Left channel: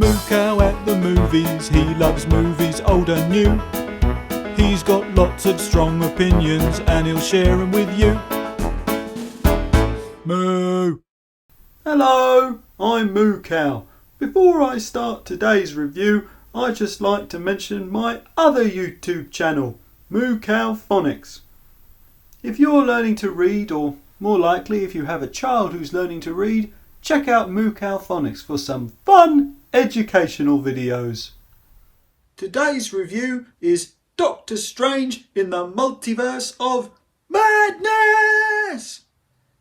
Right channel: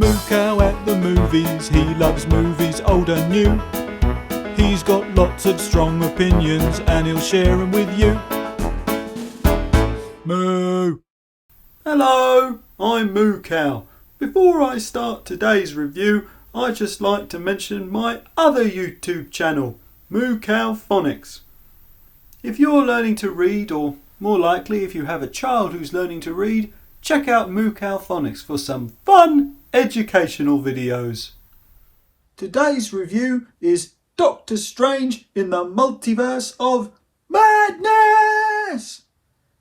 Moo Cow at the movies. He loves movies old and new. He's got lots of strong opinions and he'll share them with you. Moo! Hello, I'm Moo Cow. Before I start today's review, I'd just like to mention my other YouTube channel, Moo Cow Phonics. If you're learning to read, or more likely if you have a child who's learning to read, check out Moo Cow Phonics for some fun educational videos. Today's review is Doctor Strange in the Multiverse of Madness!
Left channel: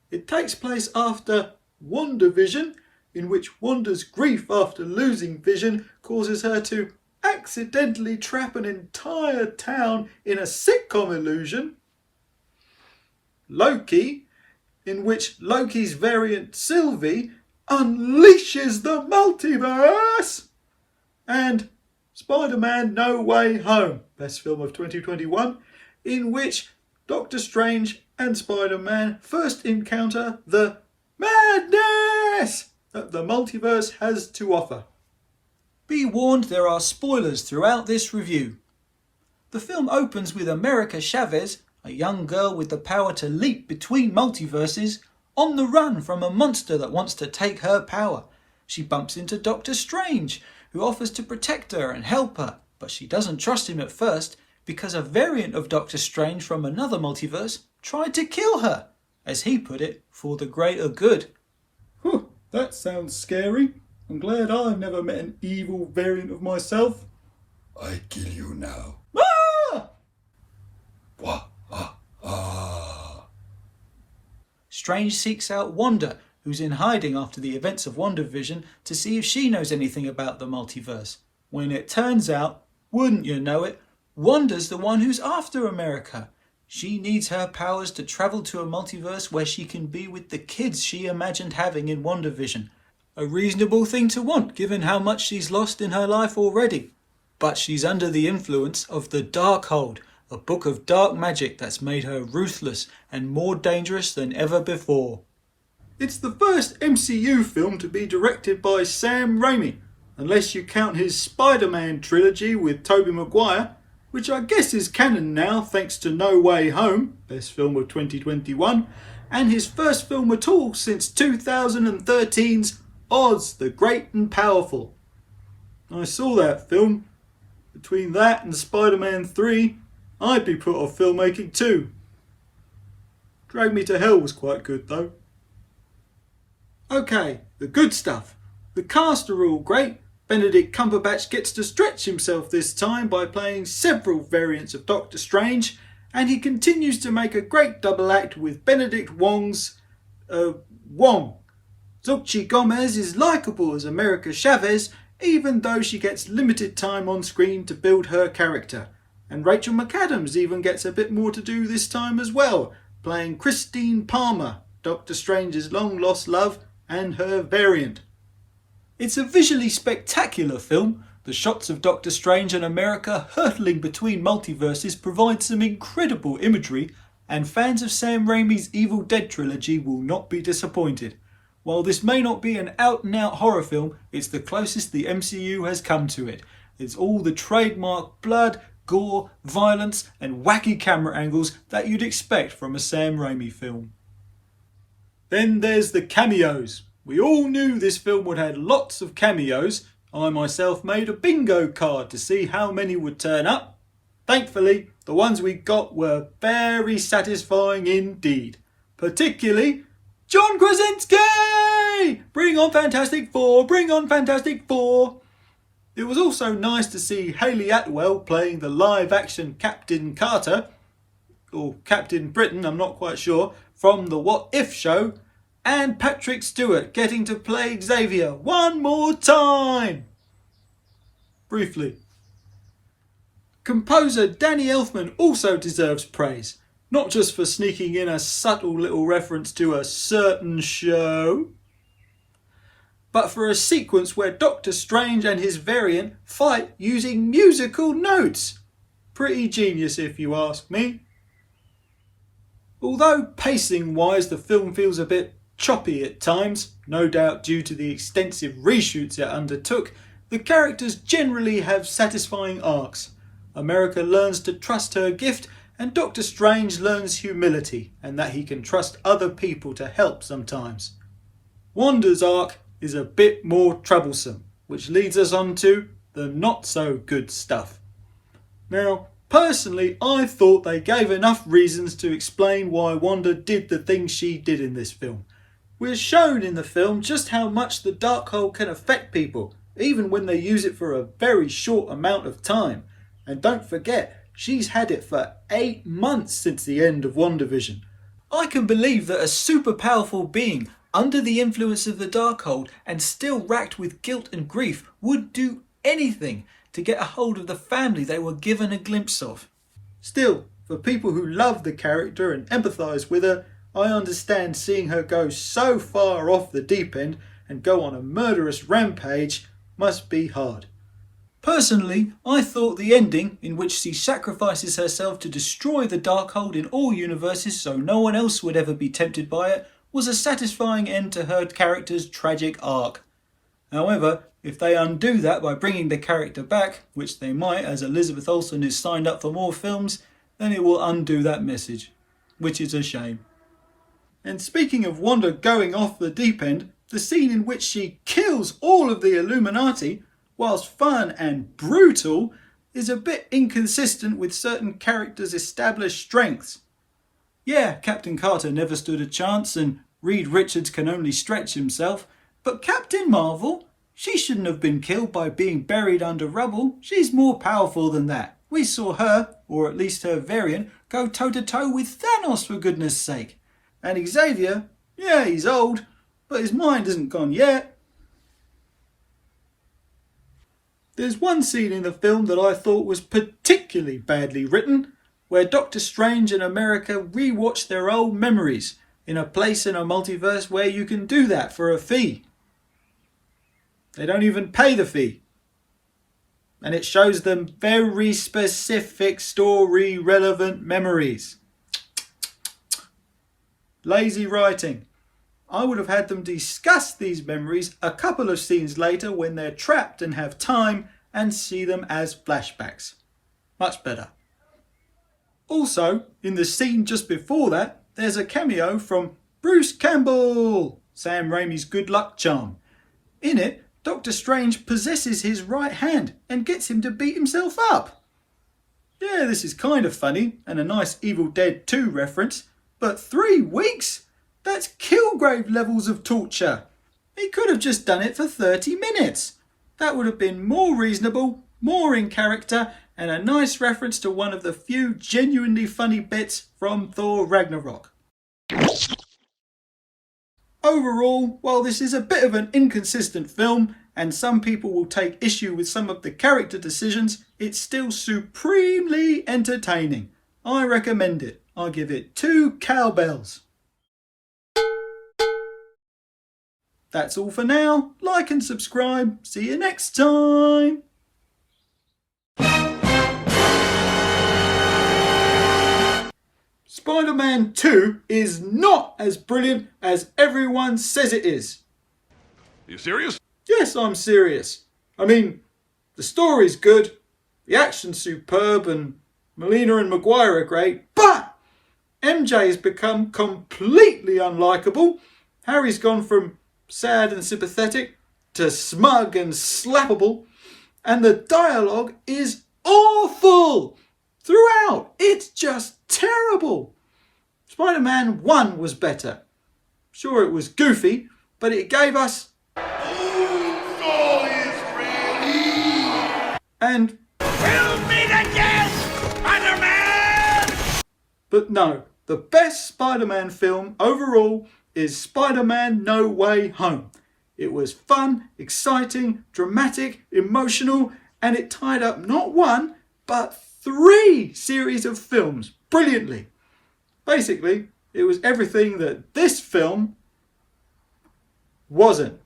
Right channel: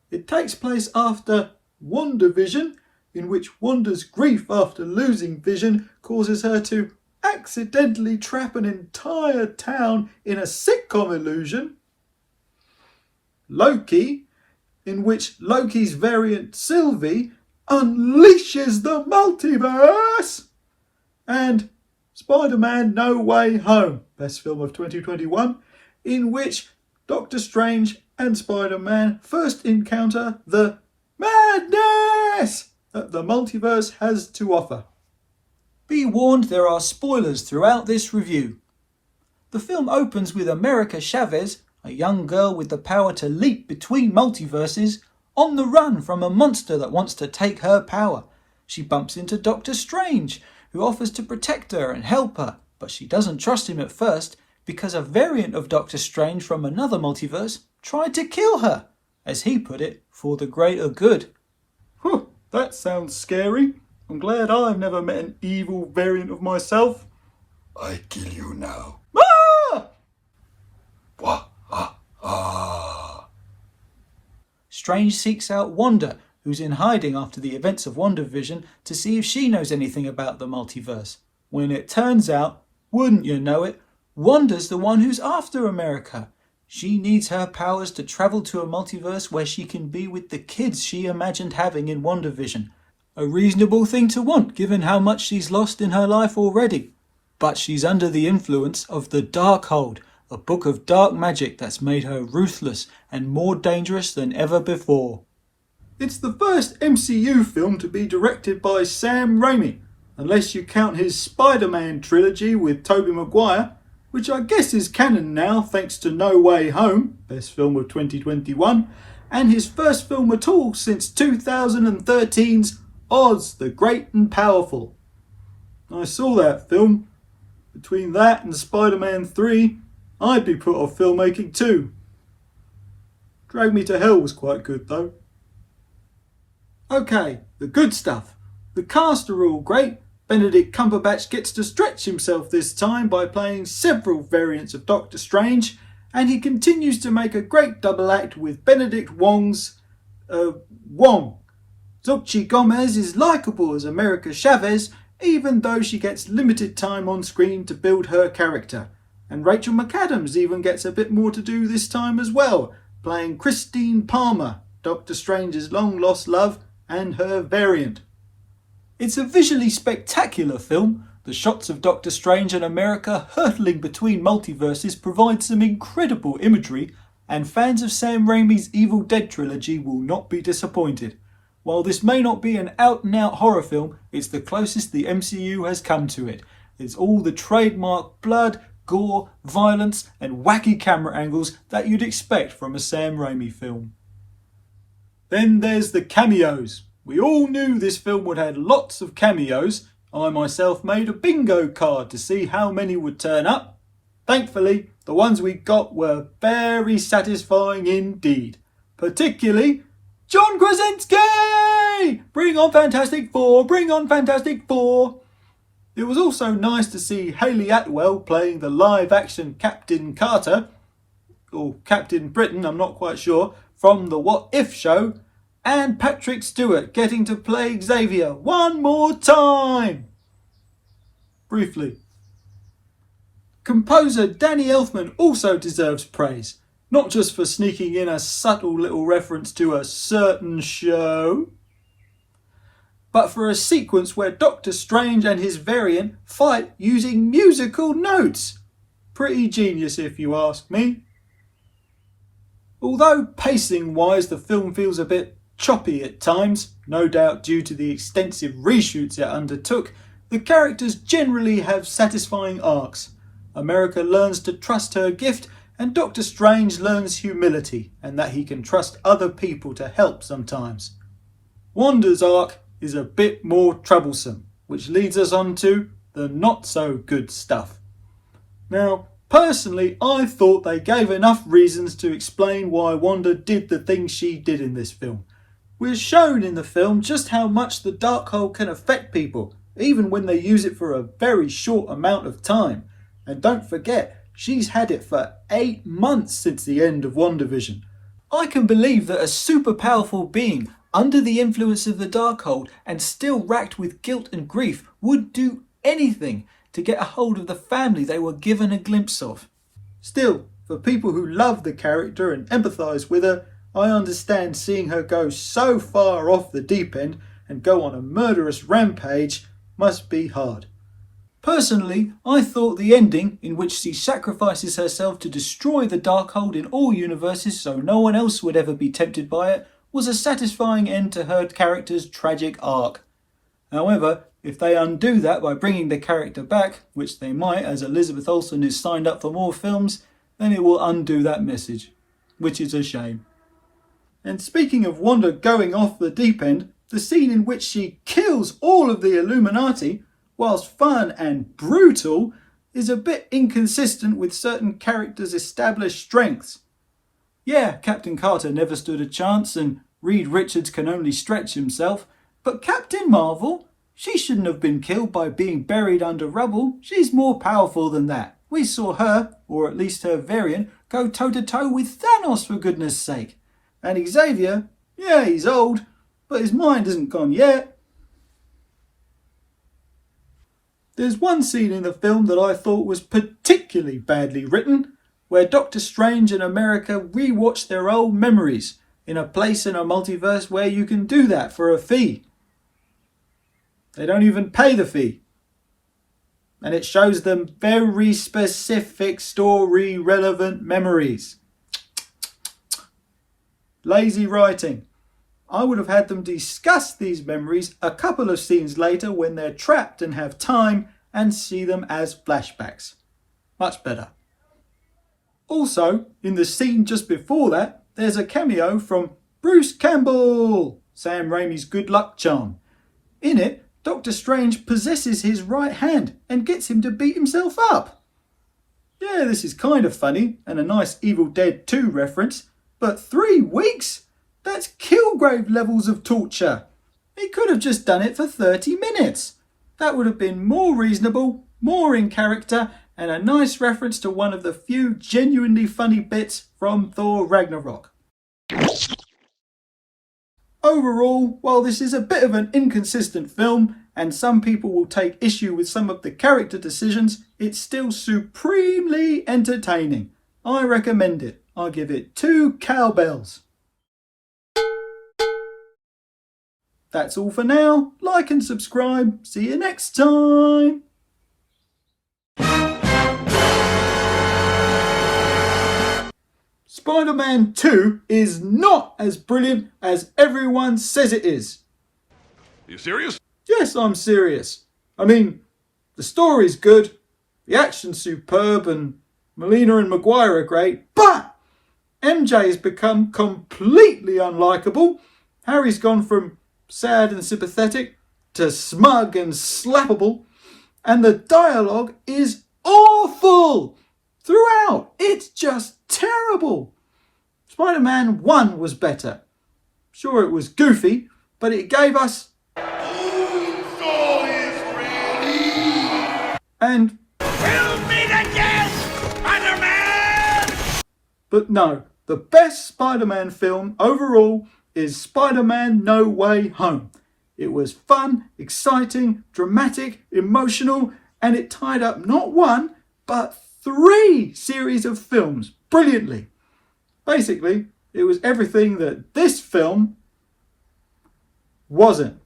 It takes place after WandaVision, in which Wanda's grief after losing Vision causes her to accidentally trap an entire town in a sitcom illusion. Loki, in which Loki's variant Sylvie unleashes the multiverse. And Spider-Man No Way Home, best film of 2021, in which Doctor Strange and Spider-Man first encounter the madness that the multiverse has to offer. Be warned, there are spoilers throughout this review. The film opens with America Chavez, a young girl with the power to leap between multiverses, on the run from a monster that wants to take her power. She bumps into Doctor Strange, who offers to protect her and help her, but she doesn't trust him at first because a variant of Doctor Strange from another multiverse tried to kill her, as he put it, for the greater good. That sounds scary. I'm glad I've never met an evil variant of myself. I kill you now. Ah! Wah, ah, ah. Strange seeks out Wanda, who's in hiding after the events of WandaVision, to see if she knows anything about the multiverse. When it turns out, wouldn't you know it, Wanda's the one who's after America. She needs her powers to travel to a multiverse where she can be with the kids she imagined having in WandaVision. A reasonable thing to want, given how much she's lost in her life already. But she's under the influence of the Darkhold, a book of dark magic that's made her ruthless and more dangerous than ever before. It's the first MCU film to be directed by Sam Raimi, unless you count his Spider-Man trilogy with Tobey Maguire, which I guess is canon now thanks to No Way Home, best film of 2021, and his first film at all since 2013's Oz the Great and Powerful. I saw that film. Between that and Spider-Man 3, I'd be put off filmmaking too. Drag Me to Hell was quite good though. Okay, the good stuff. The cast are all great. Benedict Cumberbatch gets to stretch himself this time by playing several variants of Doctor Strange, and he continues to make a great double act with Benedict Wong's Wong. Xochitl Gomez is likeable as America Chavez, even though she gets limited time on screen to build her character. And Rachel McAdams even gets a bit more to do this time as well, playing Christine Palmer, Doctor Strange's long-lost love and her variant. It's a visually spectacular film. The shots of Doctor Strange and America hurtling between multiverses provide some incredible imagery, and fans of Sam Raimi's Evil Dead trilogy will not be disappointed. While this may not be an out-and-out horror film, it's the closest the MCU has come to it. It's all the trademark blood, gore, violence and wacky camera angles that you'd expect from a Sam Raimi film. Then there's the cameos. We all knew this film would have lots of cameos. I myself made a bingo card to see how many would turn up. Thankfully, the ones we got were very satisfying indeed. Particularly John Krasinski! Bring on Fantastic Four! Bring on Fantastic Four! It was also nice to see Hayley Atwell playing the live-action Captain Carter, or Captain Britain, I'm not quite sure, from the What If show, and Patrick Stewart getting to play Xavier one more time. Briefly. Composer Danny Elfman also deserves praise, not just for sneaking in a subtle little reference to a certain show, but for a sequence where Doctor Strange and his variant fight using musical notes. Pretty genius if you ask me. Although pacing-wise the film feels a bit choppy at times, no doubt due to the extensive reshoots it undertook, The characters generally have satisfying arcs. America learns to trust her gift, and Doctor Strange learns humility and that he can trust other people to help sometimes. Wanda's arc is a bit more troublesome, which leads us on to the not so good stuff. Now, personally, I thought they gave enough reasons to explain why Wanda did the things she did in this film. We're shown in the film just how much the Darkhold can affect people, even when they use it for a very short amount of time. And don't forget, she's had it for 8 months since the end of WandaVision. I can believe that a super powerful being under the influence of the Darkhold and still racked with guilt and grief would do anything to get a hold of the family they were given a glimpse of. Still, for people who love the character and empathise with her, I understand seeing her go so far off the deep end and go on a murderous rampage must be hard. Personally, I thought the ending, in which she sacrifices herself to destroy the Darkhold in all universes so no one else would ever be tempted by it, was a satisfying end to her character's tragic arc. However, if they undo that by bringing the character back, which they might as Elizabeth Olsen is signed up for more films, then it will undo that message, which is a shame. And speaking of Wanda going off the deep end, the scene in which she kills all of the Illuminati, whilst fun and brutal, is a bit inconsistent with certain characters' established strengths. Yeah, Captain Carter never stood a chance and Reed Richards can only stretch himself, but Captain Marvel, she shouldn't have been killed by being buried under rubble. She's more powerful than that. We saw her, or at least her variant, go toe-to-toe with Thanos for goodness sake. And Xavier, yeah, he's old, but his mind isn't gone yet. There's one scene in the film that I thought was particularly badly written, where Doctor Strange and America rewatch their old memories in a place in a multiverse where you can do that for a fee. They don't even pay the fee. And it shows them very specific story-relevant memories. Lazy writing. I would have had them discuss these memories a couple of scenes later when they're trapped and have time and see them as flashbacks. Much better. Also, in the scene just before that, there's a cameo from Bruce Campbell, Sam Raimi's good luck charm. In it, Doctor Strange possesses his right hand and gets him to beat himself up. Yeah, this is kind of funny and a nice Evil Dead 2 reference, but 3 weeks? That's Kilgrave levels of torture. He could have just done it for 30 minutes. That would have been more reasonable, more in character, and a nice reference to one of the few genuinely funny bits from Thor Ragnarok. Overall, while this is a bit of an inconsistent film, and some people will take issue with some of the character decisions, it's still supremely entertaining. I recommend it. I give it 2 cowbells. That's all for now. Like and subscribe. See you next time. Spider-Man 2 is not as brilliant as everyone says it is. Are you serious? Yes, I'm serious. I mean, the story's good, the action's superb, and Molina and Maguire are great, but MJ has become completely unlikable. Harry's gone from sad and sympathetic to smug and slappable, and the dialogue is awful throughout. It's just terrible. Spider-Man 1 was better. Sure, it was goofy, but it gave us and We'll meet again, Spider-Man! But no, the best Spider-Man film overall is Spider-Man No Way Home. It was fun, exciting, dramatic, emotional, and it tied up not 1, but 3 series of films brilliantly. Basically, it was everything that this film wasn't.